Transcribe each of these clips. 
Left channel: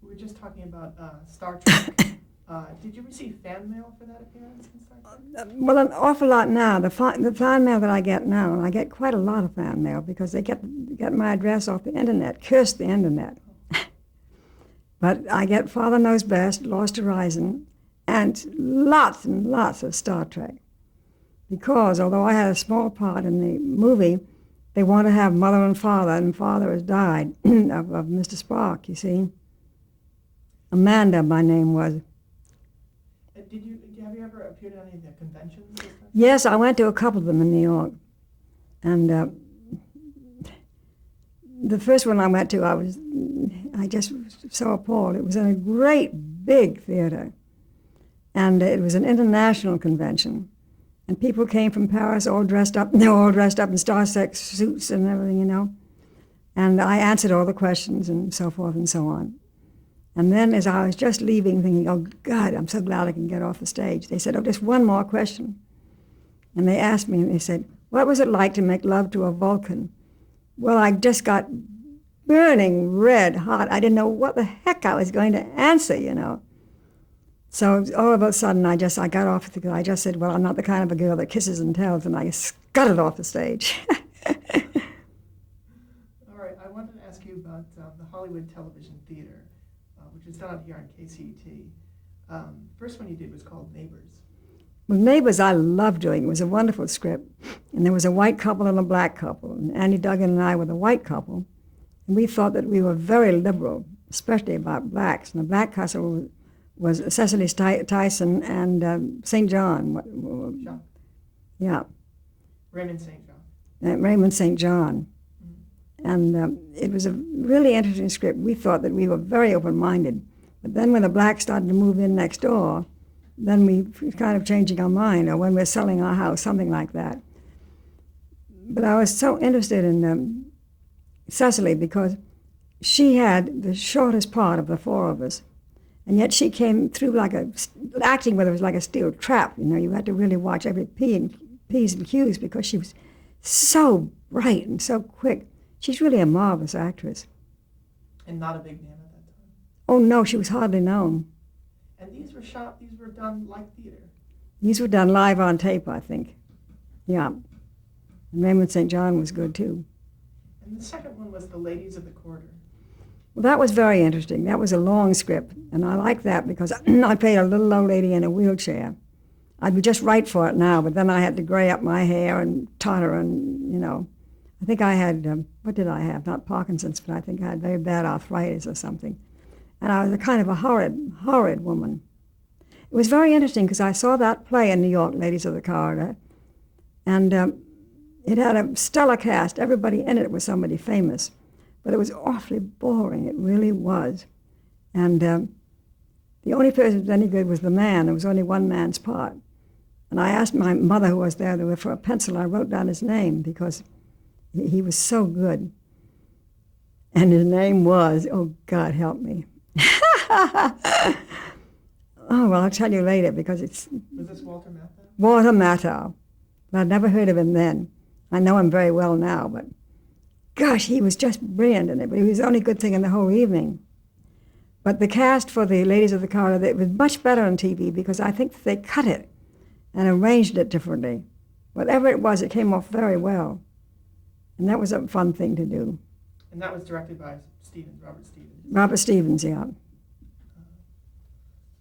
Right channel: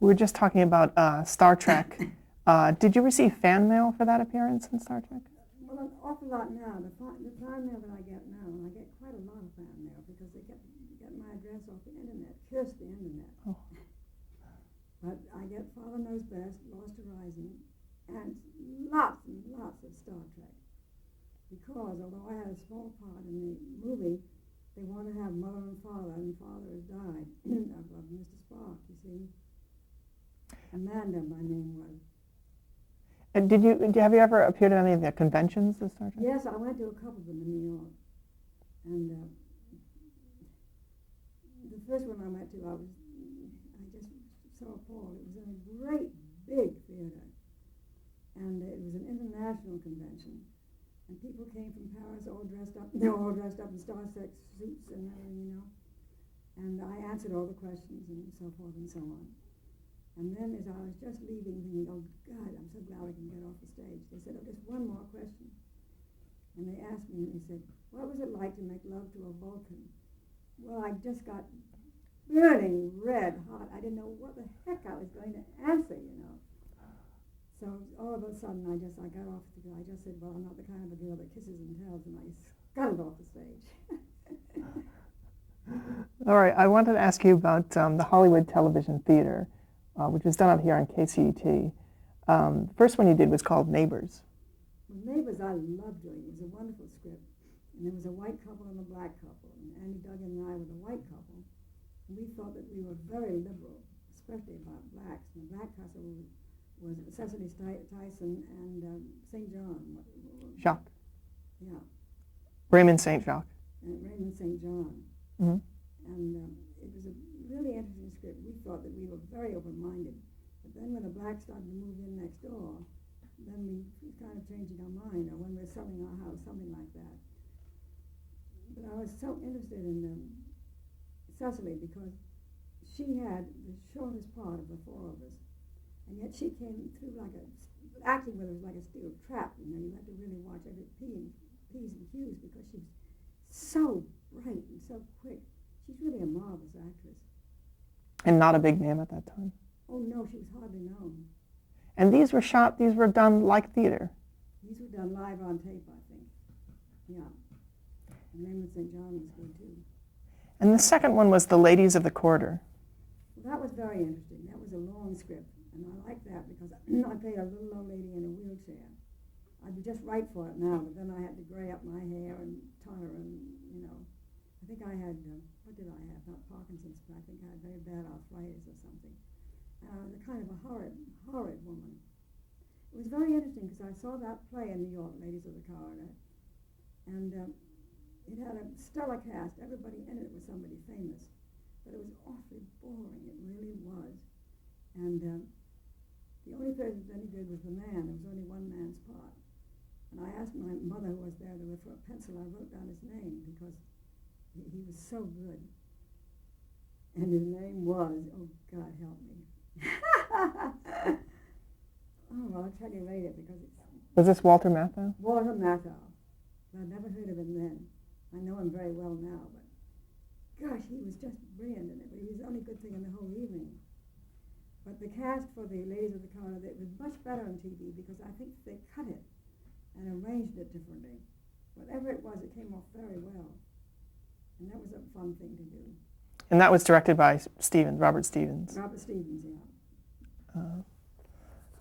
We were just talking about Star Trek. Did you receive fan mail for that appearance in Star Trek? Well, an awful lot now. The fan mail that I get now, and I get quite a lot of fan mail because they get my address off the internet, curse the internet. But I get Father Knows Best, Lost Horizon, and lots of Star Trek. Because although I had a small part in the movie, they want to have Mother and Father has died of Mr. Spock, you see. Amanda, my name was. And have you ever appeared at any of the conventions? Yes, I went to a couple of them in New York. And the first one I went to, I just was so appalled. It was in a great big theater. And it was an international convention. And people came from Paris all dressed up. They were all dressed up in Star Trek suits and everything, you know. And I answered all the questions and so forth and so on. And then as I was just leaving, thinking, oh, God, I'm so glad I can get off the stage, they said, oh, just one more question. And they asked me, and they said, what was it like to make love to a Vulcan? Well, I just got burning red hot. I didn't know what the heck I was going to answer, you know. So all of a sudden, I got off, I just said, well, I'm not the kind of a girl that kisses and tells, and I scudded off the stage. All right, I wanted to ask you about the Hollywood Television Theater, which was done out here on KCET. The first one you did was called Neighbors. Well, Neighbors I loved doing. It was a wonderful script. And there was a white couple and a black couple. And Andy Duggan and I were the white couple. And we thought that we were very liberal, especially about blacks. And the black couple was Cecily Tyson and St. John. Jacques. Yeah. Raymond St. Jacques. Raymond St. John. Mm-hmm. And it was a really interesting script. We thought that we were very open-minded. But then when the blacks started to move in next door, then we were kind of changing our mind, or when we're selling our house, something like that. But I was so interested in Cecily because she had the shortest part of the four of us. And yet she came through acting with it was like a steel trap. You know, you had to really watch every P's and Q's because she was so bright and so quick. She's really a marvelous actress. And not a big name at that time? Oh, no, she was hardly known. And these were done like theater? These were done live on tape, I think. Yeah. And Raymond St. John was good, too. And the second one was The Ladies of the Corridor. Well, that was very interesting. That was a long script, and I liked that because I played a little old lady in a wheelchair. I'd be just right for it now, but then I had to gray up my hair and totter and, you know. I think I had, what did I have? Not Parkinson's, but I think I had very bad arthritis or something. And I was a kind of a horrid woman. It was very interesting because I saw that play in New York, Ladies of the Corridor, and it had a stellar cast. Everybody in it was somebody famous, but it was awfully boring. It really was. And the only person who was any good was the man. There was only one man's part. And I asked my mother, who was there for a pencil. I wrote down his name because he was so good. And his name was, oh, God help me. Oh, well, I'll tell you later because it's... Was this Walter Matthau? Walter Matthau. I'd never heard of him then. I know him very well now, but gosh, he was just brilliant in it. But he was the only good thing in the whole evening. But the cast for the Ladies of the Corridor, it was much better on TV because I think they cut it and arranged it differently. Whatever it was, it came off very well. And that was a fun thing to do. And that was directed by Robert Stevens. Robert Stevens, yeah.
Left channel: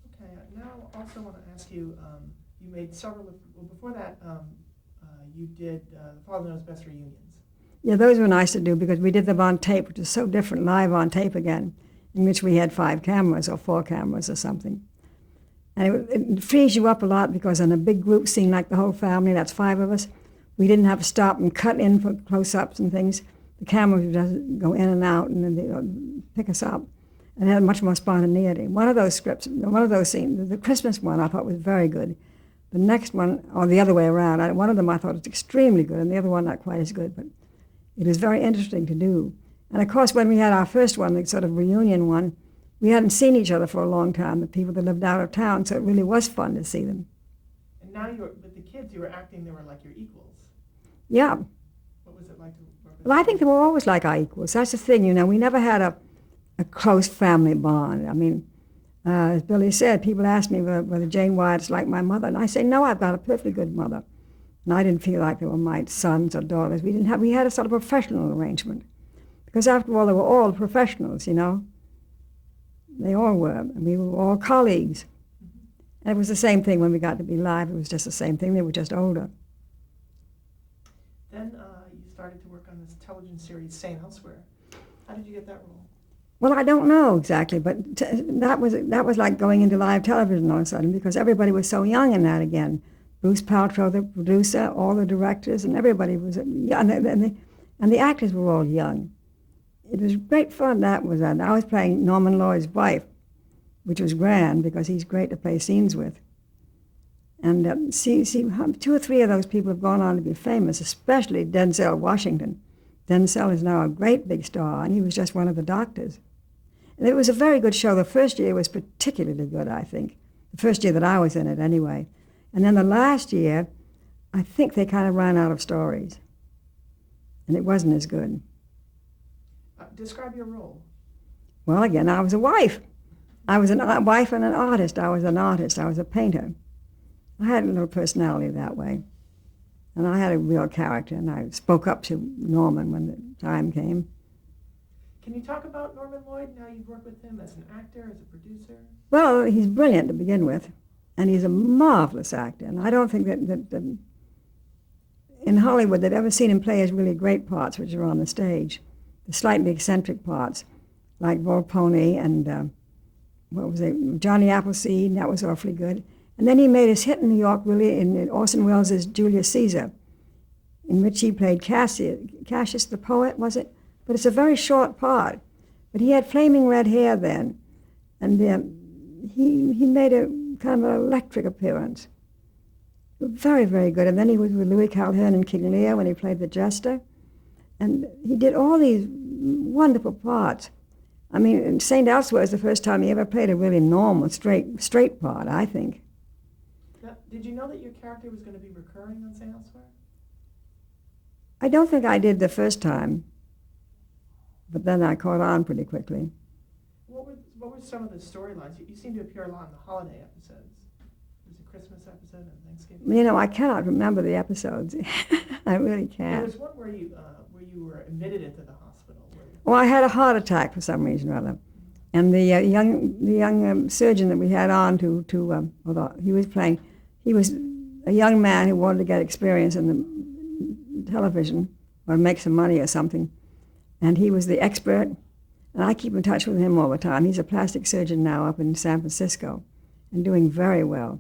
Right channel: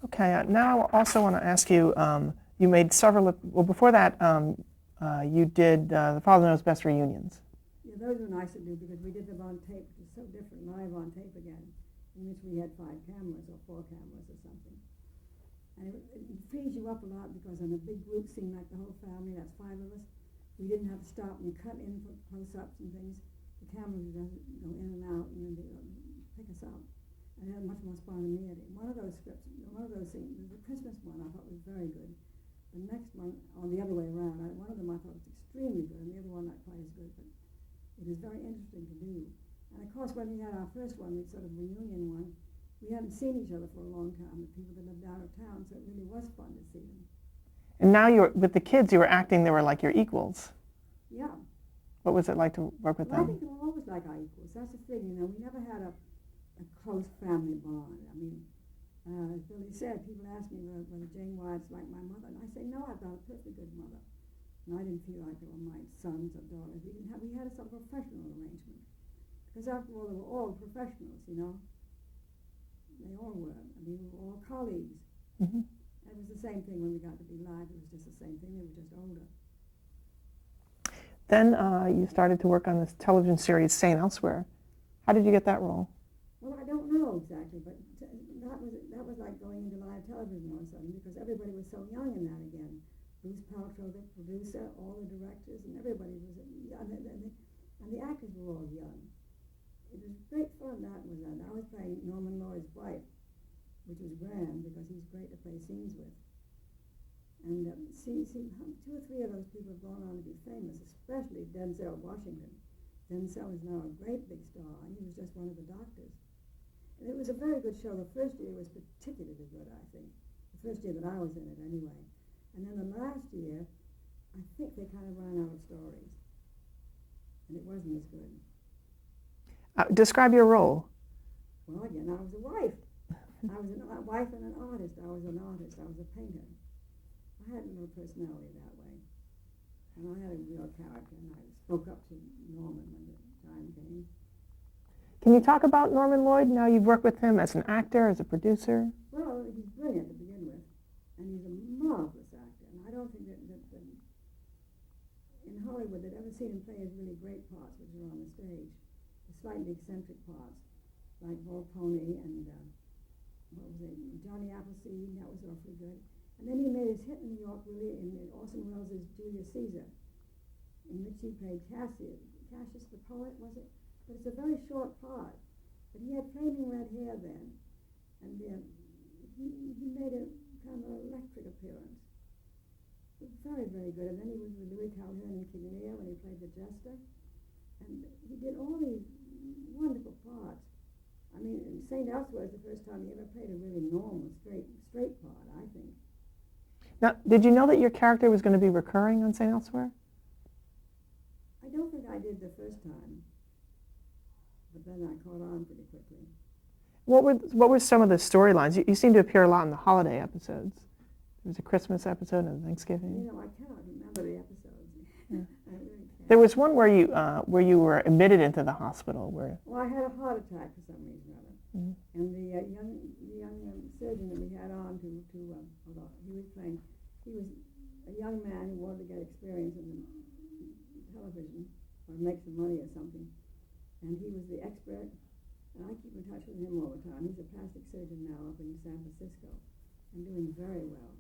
Okay, now I also want to ask you, you made several, well before that, you did the Father Knows Best reunions. Yeah, those were nice to do because we did them on tape, which is so different, live on tape again, in which we had 5 cameras or 4 cameras or something. And it frees you up a lot because in a big group scene like the whole family, that's 5 of us, we didn't have to stop and cut in for close-ups and things. The camera would just go in and out and then they'd pick us up. And it had much more spontaneity. One of those scripts, one of those scenes, the Christmas one I thought was very good. The next one, or the other way around, one of them I thought was extremely good and the other one not quite as good, but it was very interesting to do. And of course when we had our first one, the sort of reunion one, we hadn't seen each other for a long time, the people that lived out of town, so it really was fun to see them. And now with the kids, you were acting, they were like your equals. Yeah. What was it like to work with them? Well, I think they were always like our equals. That's the thing, you know, we never had a a close family bond. I mean, as Billy said, people ask me whether Jane Wyatt's like my mother, and I say, no, I've got a perfectly good mother. And I didn't feel like they were my sons or daughters. We had a sort of professional arrangement. Because after all, they were all professionals, you know. They all were. And we were all colleagues. Mm-hmm. And it was the same thing when we got to be live. It was just the same thing. They were just older. Then you started to work on this television series, St. Elsewhere. How did you get that role? Well, I don't know exactly, but that was like going into live television all of a sudden, because everybody was so young in that again. Bruce Paltrow, the producer, all the directors, and everybody was young, and the actors were all young. It was great fun. That was that. I was playing Norman Lloyd's wife, which was grand because he's great to play scenes with. And see, 2 or 3 of those people have gone on to be famous, especially Denzel Washington. Denzel is now a great big star, and he was just one of the doctors. And it was a very good show. The first year was particularly good, I think. The first year that I was in it, anyway. And then the last year, I think they kind of ran out of stories, and it wasn't as good. Describe your role. Well, again, I was a wife. I was a wife and an artist. I was an artist. I was a painter. I had a little personality that way. And I had a real character, and I spoke up to Norman when the time came. Can you talk about Norman Lloyd? Now you've worked with him as an actor, as a producer. Well, he's brilliant to begin with, and he's a marvelous actor. And I don't think that in Hollywood they've ever seen him play his really great parts, which are on the stage. The slightly eccentric parts, like Volpone and what was it, Johnny Appleseed, and that was awfully good. And then he made his hit in New York, really, in Orson Welles' Julius Caesar, in which he played Cassius the poet, was it? But it's a very short part. But he had flaming red hair then, and he made a kind of an electric appearance. Very, very good. And then he was with Louis Calhern in King Lear when he played the jester. And he did all these wonderful parts. I mean, St. Elsewhere is the first time he ever played a really normal, straight part, I think. Now, did you know that your character was going to be recurring on St. Elsewhere? I don't think I did the first time, but then I caught on pretty quickly. What were some of the storylines? You seem to appear a lot in the holiday episodes. There was a Christmas episode and a Thanksgiving. You know, I cannot remember the episodes. I really can't. There was one where you were admitted into the hospital. Well, I had a heart attack for some reason or other, and the young surgeon that we had on although he was playing, he was a young man who wanted to get experience in the television or make some money or something, and he was the expert. And I keep in touch with him all the time. He's a plastic surgeon now up in San Francisco, and doing very well.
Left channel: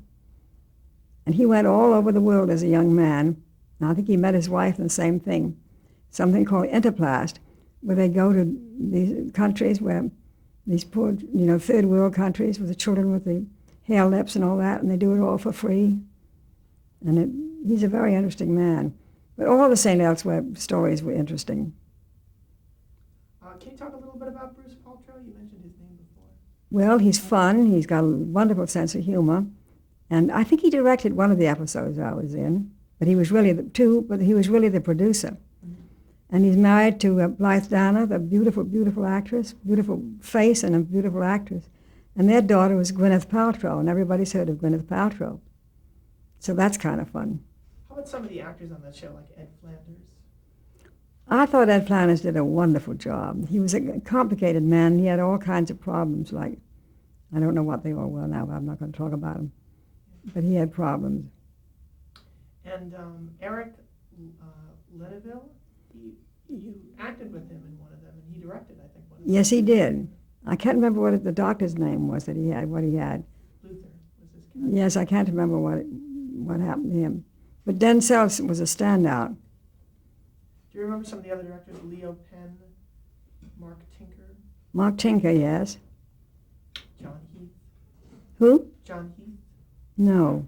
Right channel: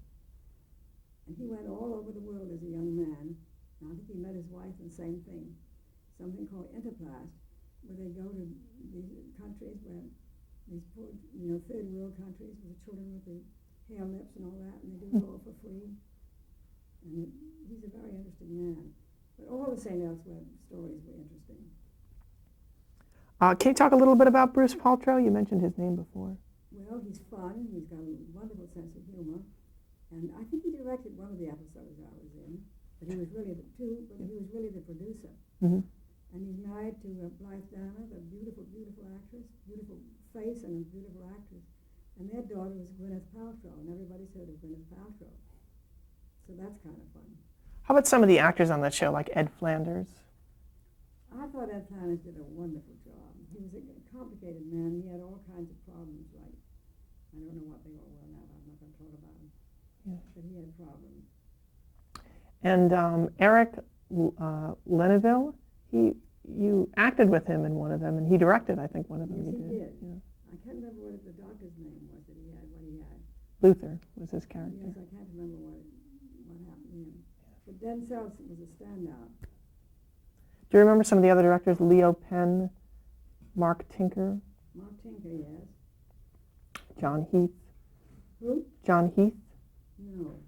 And he went all over the world as a young man. And I think he met his wife in the same thing, something called Interplast, where they go to these countries where these poor, third world countries with the children with the hair lips and all that, and they do it all for free. And he's a very interesting man. But all the St. Elsewhere stories were interesting. Can you talk a little bit about Bruce Paltrow? You mentioned his name before. Well, he's fun. He's got a wonderful sense of humor. And I think he directed one of the episodes I was in, but he was really the producer. Mm-hmm. And he's married to Blythe Danner, the beautiful, beautiful actress, beautiful face and a beautiful actress. And their daughter was Gwyneth Paltrow, and everybody's heard of Gwyneth Paltrow. So that's kind of fun. How about some of the actors on that show, like Ed Flanders? I thought Ed Flanders did a wonderful job. He was a complicated man. He had all kinds of problems, like, I don't know what they all were now, but I'm not going to talk about them. But he had problems. And Eric Leneville, you acted with him in one of them, and he directed, I think, one of them. Yes, he did. I can't remember what the doctor's name was that he had, what he had. Luther was his character. Yes, I can't remember what happened to him. But Denzel was a standout. Do you remember some of the other directors? Leo Penn, Mark Tinker? Mark Tinker, yes. John Heath. Who? John Heath. No.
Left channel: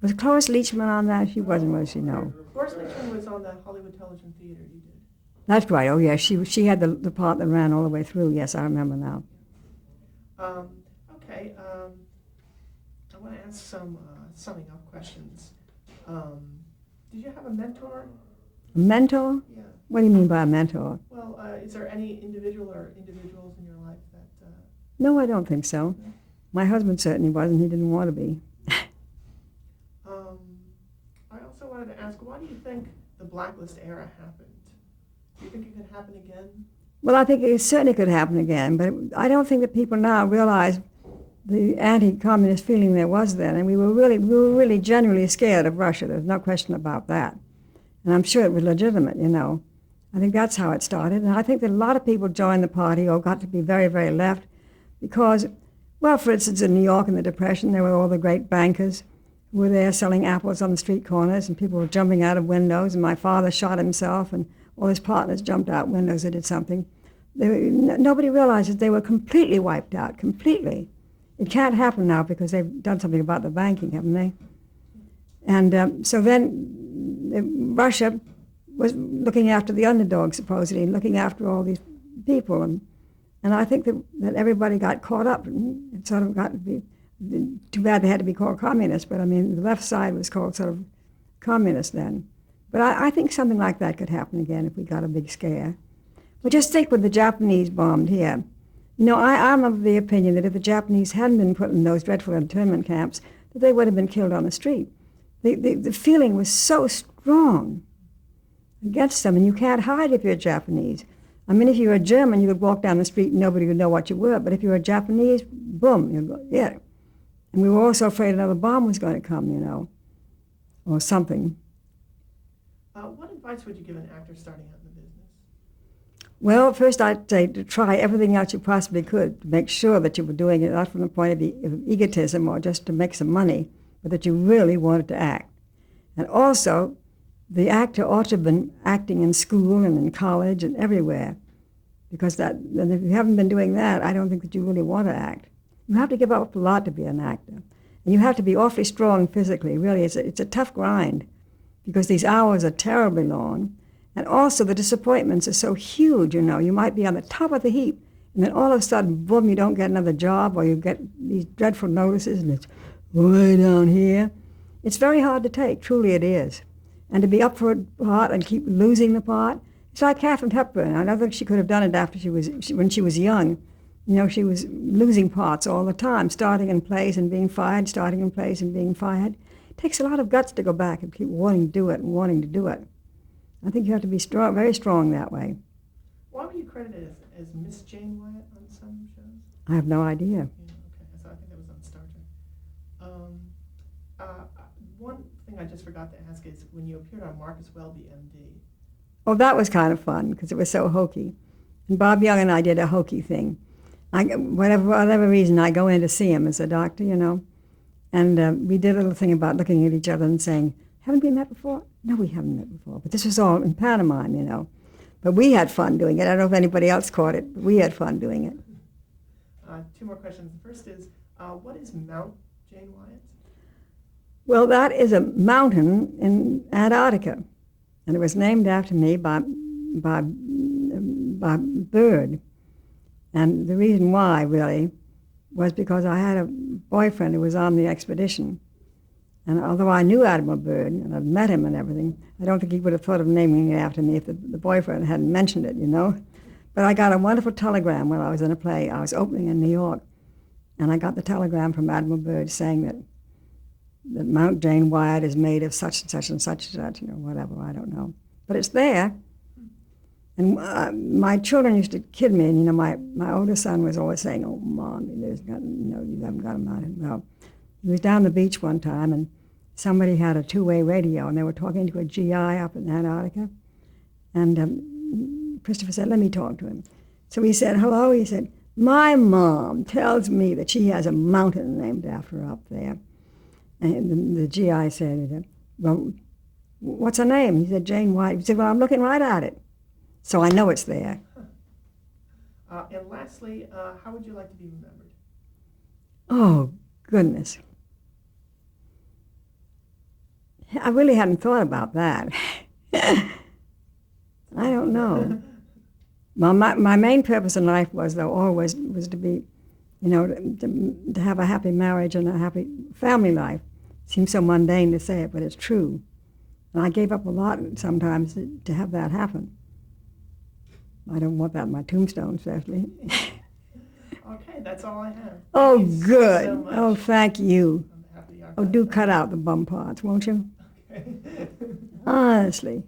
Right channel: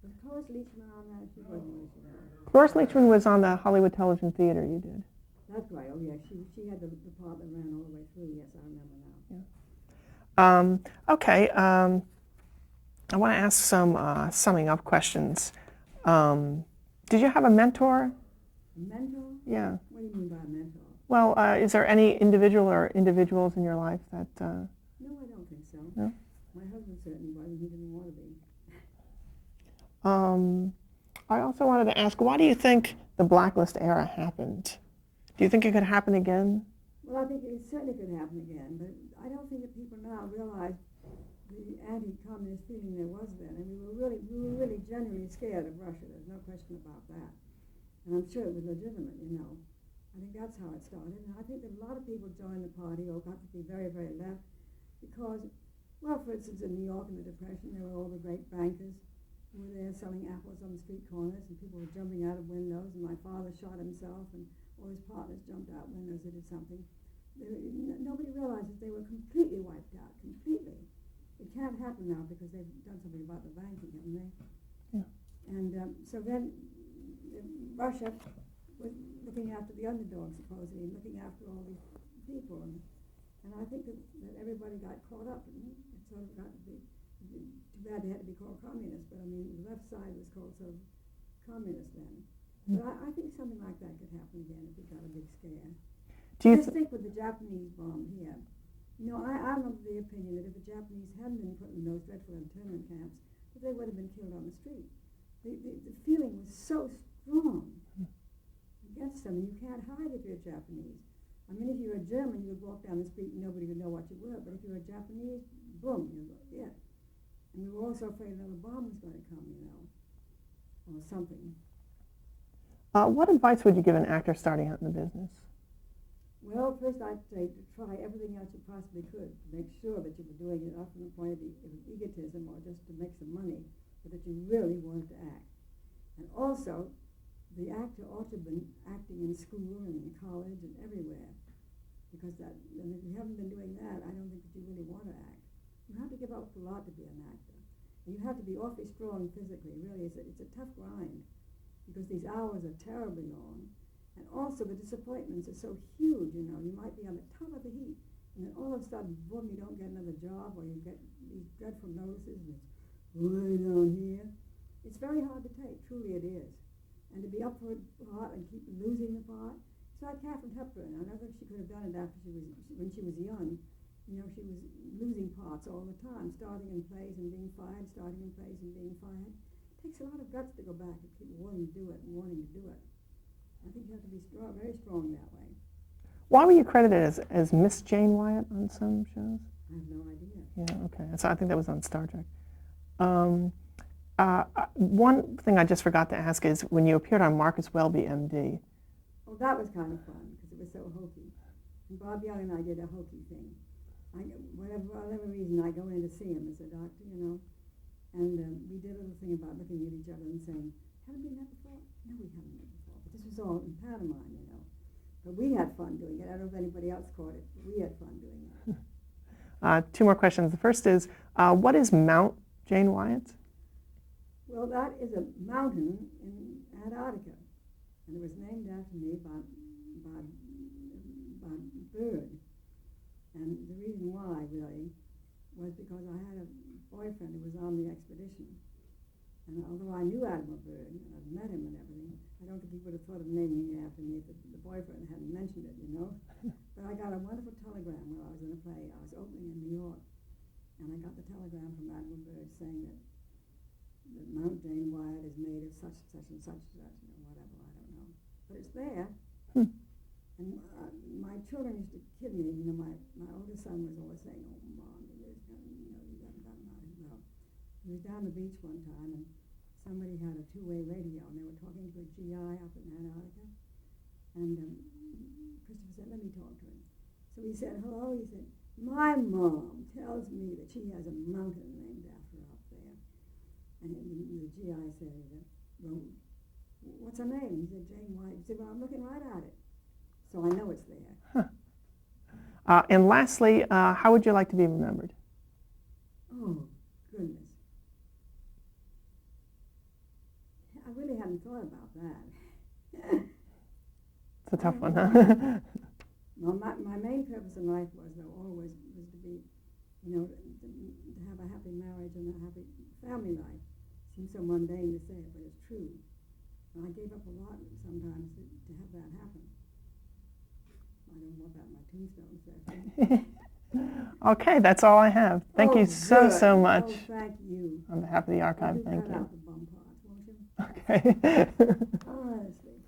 Was Cloris Leachman on that? She wasn't, was she? No. Cloris Leachman was on the Hollywood Television Theater, you did. That's right. Oh, yes. She had the part that ran all the way through. Yes, I remember now. Yeah. Okay. I want to ask some summing up questions. Did you have a mentor? A mentor? Yeah. What do you mean by a mentor? Well, is there any individual or individuals in your life that... No, I don't think so. No? My husband certainly wasn't. He didn't want to be. I also wanted to ask, why do you think the blacklist era happened? Do you think it could happen again? Well, I think it certainly could happen again, but I don't think that people now realize the anti-communist feeling there was then, and we were really genuinely scared of Russia. There's no question about that. And I'm sure it was legitimate, you know. I think that's how it started, and I think that a lot of people joined the party or got to be very, very left because, well, for instance, in New York in the Depression, there were all the great bankers who were there selling apples on the street corners, and people were jumping out of windows, and my father shot himself, and all his partners jumped out windows that did something. Nobody realizes they were completely wiped out, completely. It can't happen now because they've done something about the banking, haven't they? And so then Russia was looking after the underdogs, supposedly, and looking after all these people. And I think that everybody got caught up and it sort of got to be, too bad they had to be called communists, but I mean, the left side was called sort of communist then. But I think something like that could happen again if we got a big scare. Just think when the Japanese bombed here. You know, I'm of the opinion that if the Japanese hadn't been put in those dreadful internment camps, that they would have been killed on the street. The feeling was so strong against them, and you can't hide if you're Japanese. I mean, if you were a German, you could walk down the street and nobody would know what you were, but if you were a Japanese, boom, you'd go, yeah. And we were also afraid another bomb was going to come, you know, or something. What advice would you give an actor starting out in the business? Well, first I'd say to try everything else you possibly could to make sure that you were doing it not from the point of egotism or just to make some money, but that you really wanted to act. And also, the actor ought to have been acting in school and in college and everywhere, because and if you haven't been doing that, I don't think that you really want to act. You have to give up a lot to be an actor. And you have to be awfully strong physically. Really, it's a tough grind, because these hours are terribly long. And also the disappointments are so huge, you know. You might be on the top of the heap, and then all of a sudden, boom, you don't get another job, or you get these dreadful notices, and it's way down here. It's very hard to take, truly it is. And to be up for a part and keep losing the part, it's like Katharine Hepburn. I don't think she could have done it after when she was young. You know, she was losing parts all the time, starting in plays and being fired, starting in plays and being fired. It takes a lot of guts to go back and keep wanting to do it and wanting to do it. I think you have to be strong, very strong that way. Why were you credited as Miss Jane Wyatt on some shows? I have no idea. Yeah, okay. So I think that was on Star Trek. One thing I just forgot to ask is when you appeared on Marcus Welby, MD. Oh, that was kind of fun because it was so hokey. And Bob Young and I did a hokey thing. Whatever reason, I go in to see him as a doctor, you know. And we did a little thing about looking at each other and saying, haven't we met before? No, we haven't met before. But this was all in pantomime, you know. But we had fun doing it. I don't know if anybody else caught it, but we had fun doing it. Two more questions. The first is, what is Mount Jane Wyatt? Well, that is a mountain in Antarctica. And it was named after me by bird. And the reason why, really, was because I had a boyfriend who was on the expedition. And although I knew Admiral Byrd and I'd met him and everything, I don't think he would have thought of naming it after me if the boyfriend hadn't mentioned it, you know. But I got a wonderful telegram while I was in a play. I was opening in New York, and I got the telegram from Admiral Byrd saying that Mount Jane Wyatt is made of such and such and such and such, you know, whatever, I don't know. But it's there. And my children used to kid me, and, you know, my oldest son was always saying, oh, Mom, you haven't got a mountain. Well, he was down the beach one time, and somebody had a two-way radio, and they were talking to a GI up in Antarctica. And Christopher said, let me talk to him. So he said, hello. He said, my mom tells me that she has a mountain named after her up there. And the GI said, well, what's her name? He said, Jane Wyatt. He said, well, I'm looking right at it. So I know it's there. Huh. And lastly, how would you like to be remembered? Oh, goodness. I really hadn't thought about that. I don't know. Well, my main purpose in life was, though, always was to be, you know, to have a happy marriage and a happy family life. It seems so mundane to say it, but it's true. And I gave up a lot sometimes to have that happen. I don't want that in my tombstone, especially. Okay, that's all I have. Thank you so much. Oh, thank you. On behalf of the Oh, archive. do cut out the bum parts, won't you? Okay. Honestly.